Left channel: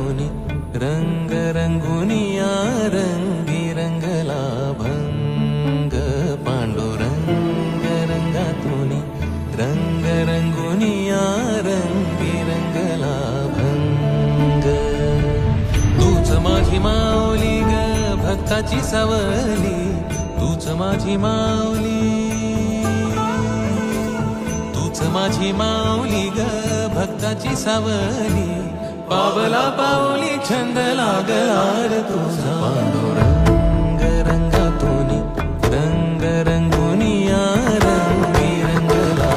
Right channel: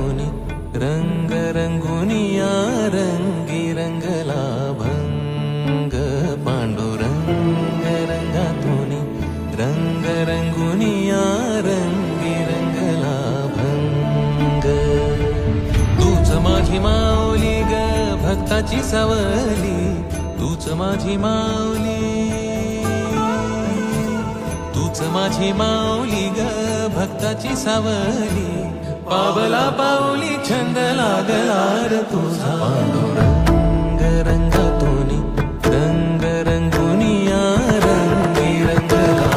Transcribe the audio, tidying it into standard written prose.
रंगातूनी रंग रंगुनिया रंगी रंगला भंग पांडुरंग रंगातूनी रंग रंगुनिया रंगी रंगला भंग तूच माझी माऊली ग भक्ताची सावली तूच माझी माऊली तूच माझी माऊली ग भक्ताची सावली पावला पाऊली छंद लागला रे तुझा पांडुरंग रंगातूनी रंग रंगुनिया रंगी रंगला